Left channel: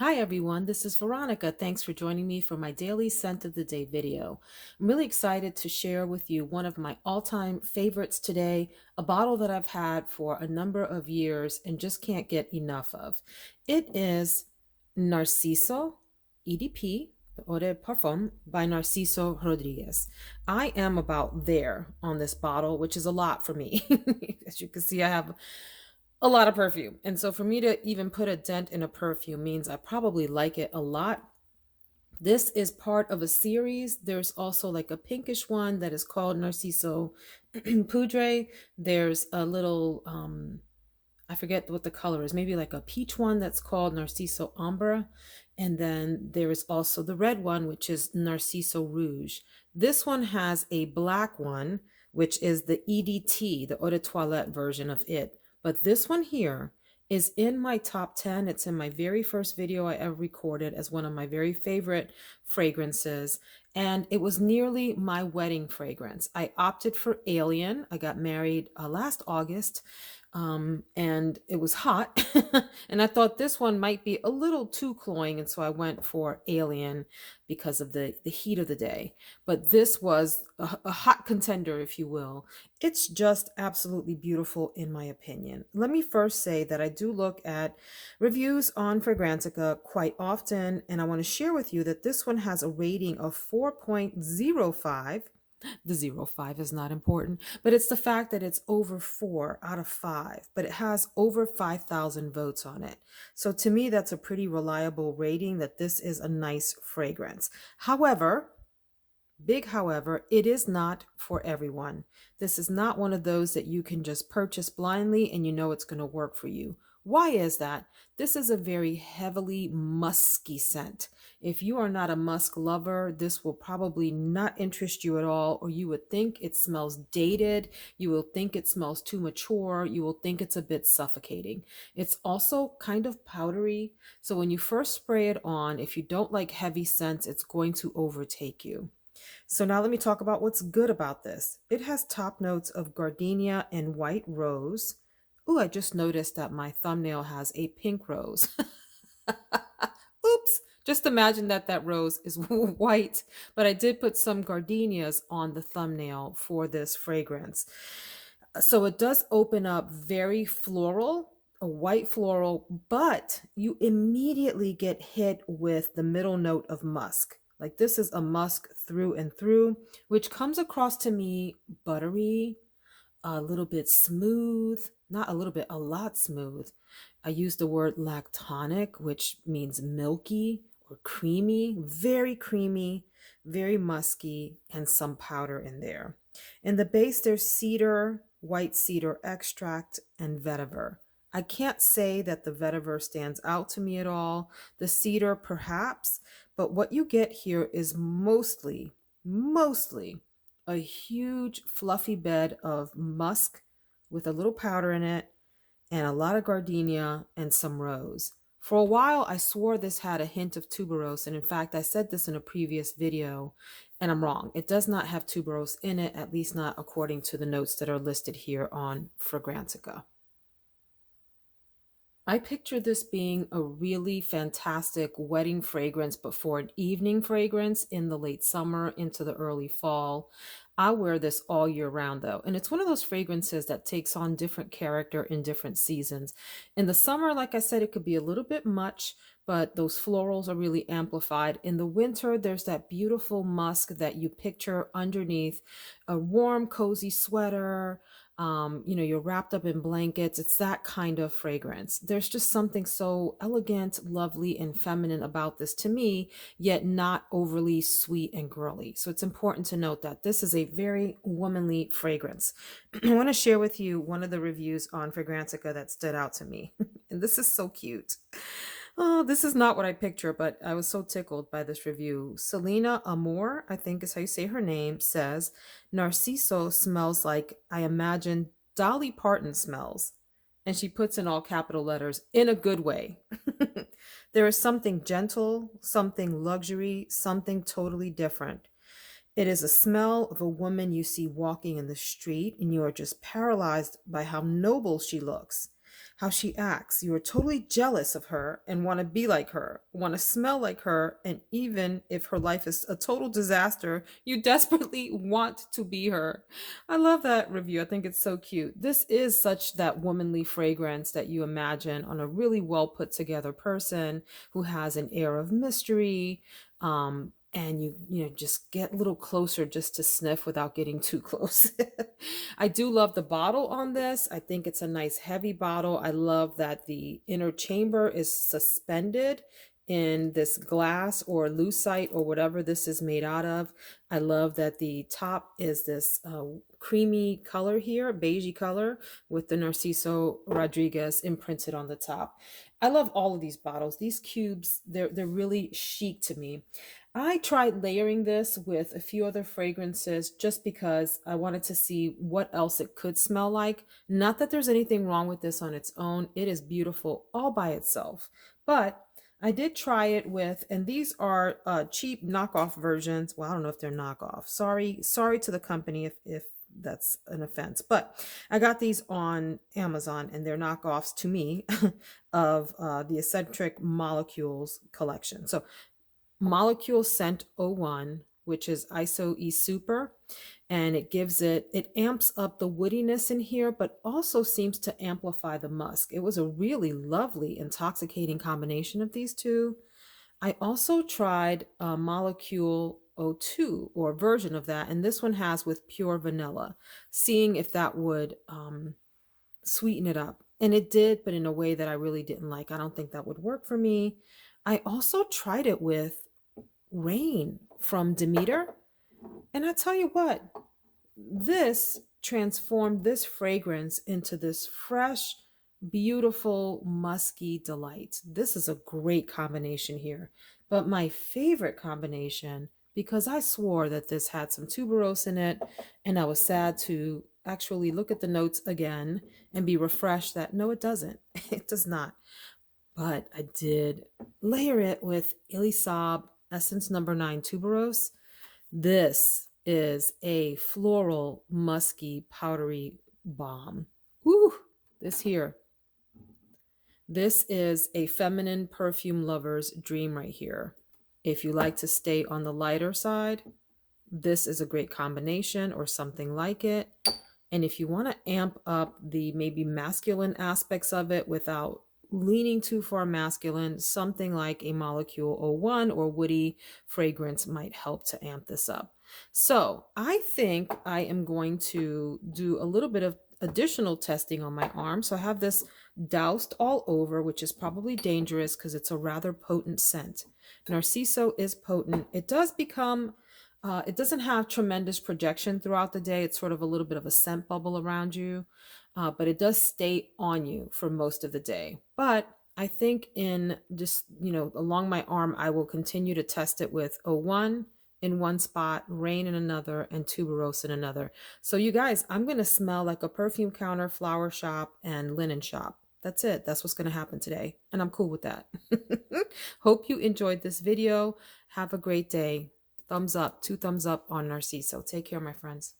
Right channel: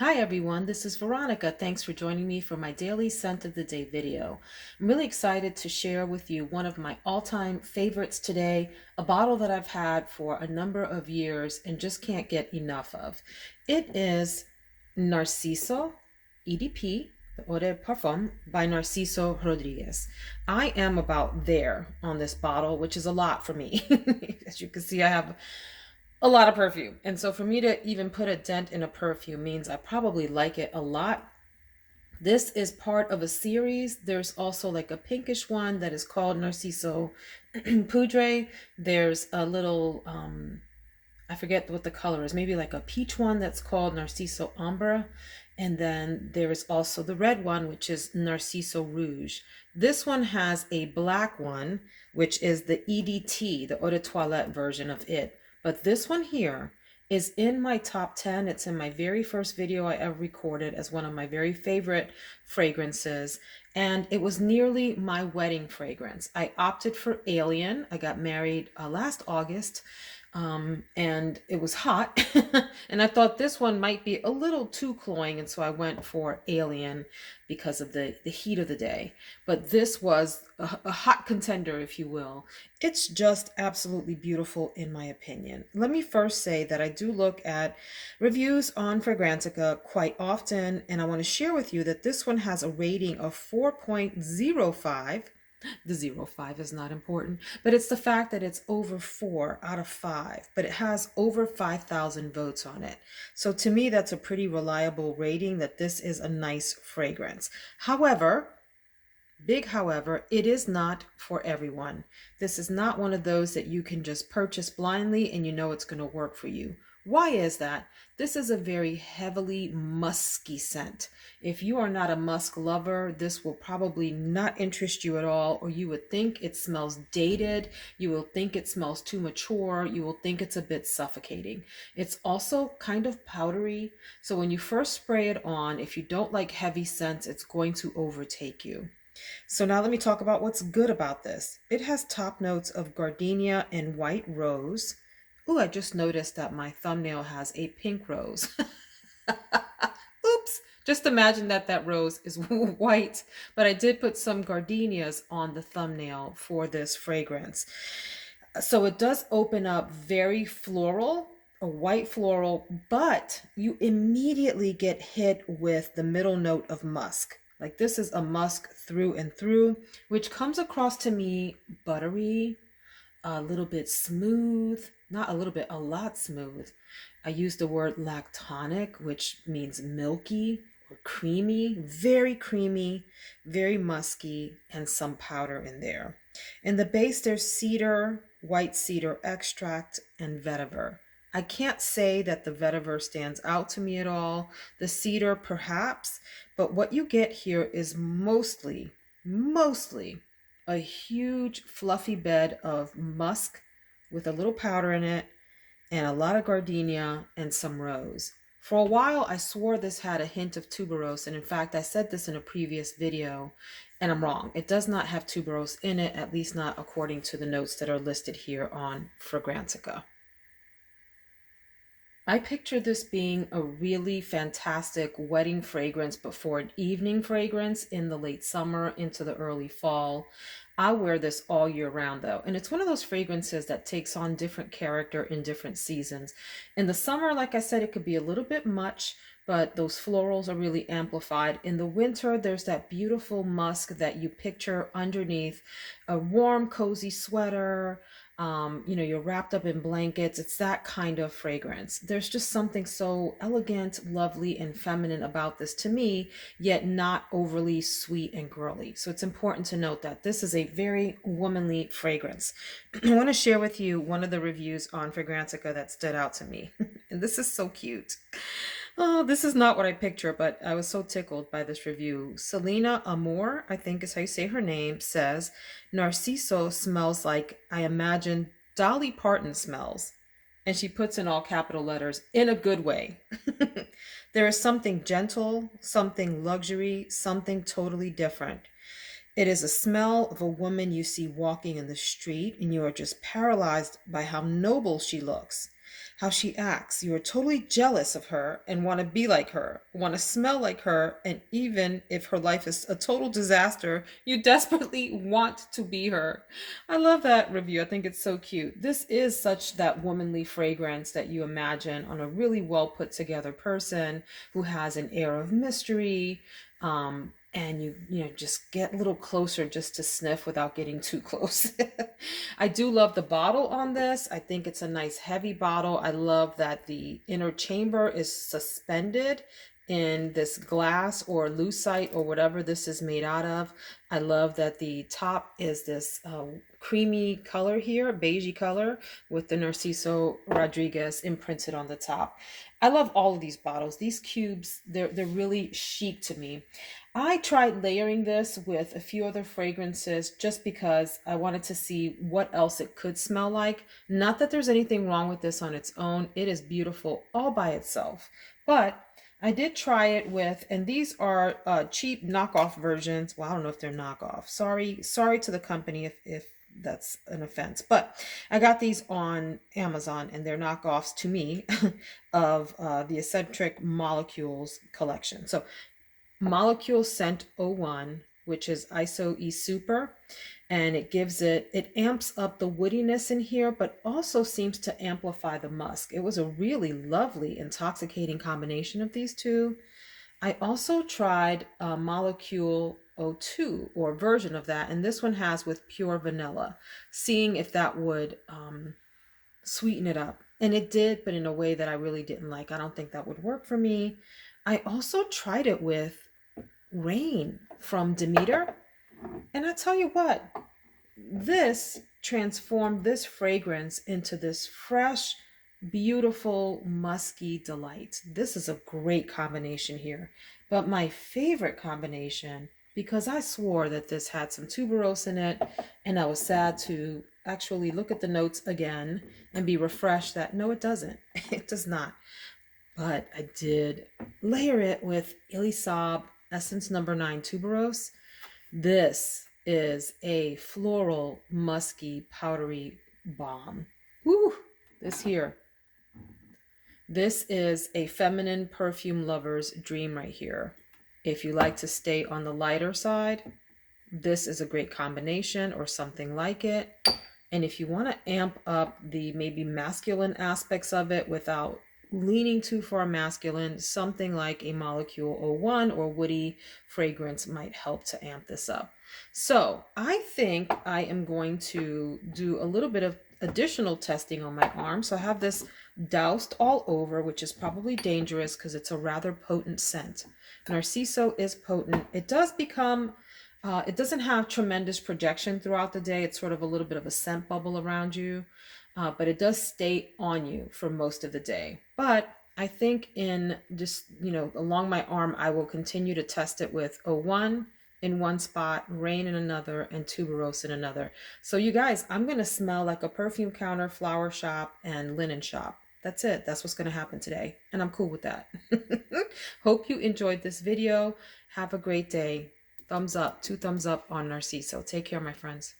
Hi everyone, this is Veronica. Thanks for joining me for my daily scent of the day video. I'm really excited to share with you one of my all-time favorites today, a bottle that I've had for a number of years and just can't get enough of. It is Narciso EDP, the Eau de Parfum by Narciso Rodriguez. I am about there on this bottle, which is a lot for me. As you can see, I have a lot of perfume. And so for me to even put a dent in a perfume means I probably like it a lot. This is part of a series. There's also like a pinkish one that is called Narciso Poudre. There's a little, I forget what the color is, maybe like a peach one that's called Narciso Ambre. And then there is also the red one, which is Narciso Rouge. This one has a black one, which is the EDT, the Eau de Toilette version of it. But this one here is in my top 10. It's in my very first video I ever recorded as one of my very favorite fragrances. And it was nearly my wedding fragrance. I opted for Alien. I got married last August. And it was hot and I thought this one might be a little too cloying, and so I went for Alien because of the heat of the day. But this was a hot contender, if you will. It's just absolutely beautiful in my opinion. Let me first say that I do look at reviews on Fragrantica quite often, and I want to share with you that this one has a rating of 4.05. The 0.5 is not important, but it's the fact that it's over 4 out of 5, but it has over 5,000 votes on it. So to me, that's a pretty reliable rating that this is a nice fragrance. However, big however, it is not for everyone. This is not one of those that you can just purchase blindly and you know it's going to work for you. Why is that? This is a very heavily musky scent. If you are not a musk lover, this will probably not interest you at all, or you would think it smells dated. You will think it smells too mature. You will think it's a bit suffocating. It's also kind of powdery. So when you first spray it on, if you don't like heavy scents, it's going to overtake you. So now let me talk about what's good about this. It has top notes of gardenia and white rose. Ooh, I just noticed that my thumbnail has a pink rose. Oops. Just imagine that that rose is white, but I did put some gardenias on the thumbnail for this fragrance. So it does open up very floral, a white floral, but you immediately get hit with the middle note of musk. Like this is a musk through and through, which comes across to me buttery, a little bit smooth, not a little bit, a lot smooth. I use the word lactonic, which means milky or creamy, very musky, and some powder in there. In the base, there's cedar, white cedar extract, and vetiver. I can't say that the vetiver stands out to me at all. The cedar, perhaps, but what you get here is mostly a huge fluffy bed of musk with a little powder in it and a lot of gardenia and some rose. For a while, I swore this had a hint of tuberose, and in fact, I said this in a previous video, and I'm wrong. It does not have tuberose in it, at least not according to the notes that are listed here on Fragrantica. I picture this being a really fantastic wedding fragrance, but for an evening fragrance in the late summer into the early fall. I wear this all year round though, and it's one of those fragrances that takes on different character in different seasons. In the summer, like I said, it could be a little bit much, but those florals are really amplified. In the winter, there's that beautiful musk that you picture underneath a warm, cozy sweater. You're wrapped up in blankets. It's that kind of fragrance. There's just something so elegant, lovely, and feminine about this to me, yet not overly sweet and girly. So it's important to note that this is a very womanly fragrance. I want to share with you one of the reviews on Fragrantica that stood out to me. And this is so cute. Oh, this is not what I picture, but I was so tickled by this review. Selena Amor, I think is how you say her name, says, Narciso smells like I imagine Dolly Parton smells. And she puts in all capital letters, in a good way. There is something gentle, something luxury, something totally different. It is a smell of a woman you see walking in the street, and you are just paralyzed by how noble she looks, how she acts. You are totally jealous of her and want to be like her, want to smell like her, and even if her life is a total disaster, you desperately want to be her. I love that review. I think it's so cute. This is such that womanly fragrance that you imagine on a really well put together person who has an air of mystery. And you just get a little closer just to sniff without getting too close. I do love the bottle on this. I think it's a nice heavy bottle. I love that the inner chamber is suspended in this glass or lucite or whatever this is made out of. I love that the top is this creamy color here, beigey color, with the Narciso Rodriguez imprinted on the top. I love all of these bottles. These cubes, they're really chic to me. I tried layering this with a few other fragrances just because I wanted to see what else it could smell like. Not that there's anything wrong with this on its own. It is beautiful all by itself. But I did try it with, and these are cheap knockoff versions. Well, I don't know if they're knockoff. Sorry to the company if that's an offense. But I got these on Amazon, and they're knockoffs to me of the Eccentric Molecules collection. So Molecule Scent 01, which is ISO E Super, and it amps up the woodiness in here, but also seems to amplify the musk. It was a really lovely, intoxicating combination of these two. I also tried Molecule 02, or a version of that, and this one has with pure vanilla, seeing if that would sweeten it up. And it did, but in a way that I really didn't like. I don't think that would work for me. I also tried it with Rain from Demeter. And I tell you what, this transformed this fragrance into this fresh, beautiful, musky delight. This is a great combination here. But my favorite combination, because I swore that this had some tuberose in it, and I was sad to actually look at the notes again and be refreshed that no, it doesn't. It does not. But I did layer it with Elisab Essence Number 9 Tuberose. This is a floral, musky, powdery bomb. Woo! This here. This is a feminine perfume lover's dream right here. If you like to stay on the lighter side, this is a great combination or something like it. And if you want to amp up the maybe masculine aspects of it without leaning too far masculine, something like a Molecule 01 or woody fragrance might help to amp this up. So I think I am going to do a little bit of additional testing on my arm. So I have this doused all over, which is probably dangerous because it's a rather potent scent. Narciso is potent. It does become, it doesn't have tremendous projection throughout the day. It's sort of a little bit of a scent bubble around you. But it does stay on you for most of the day. But I think in just, along my arm, I will continue to test it with 01 in one spot, Rain in another, and Tuberose in another. So you guys, I'm going to smell like a perfume counter, flower shop, and linen shop. That's it. That's what's going to happen today. And I'm cool with that. Hope you enjoyed this video. Have a great day. Thumbs up, 2 thumbs up on Narciso. Take care, my friends.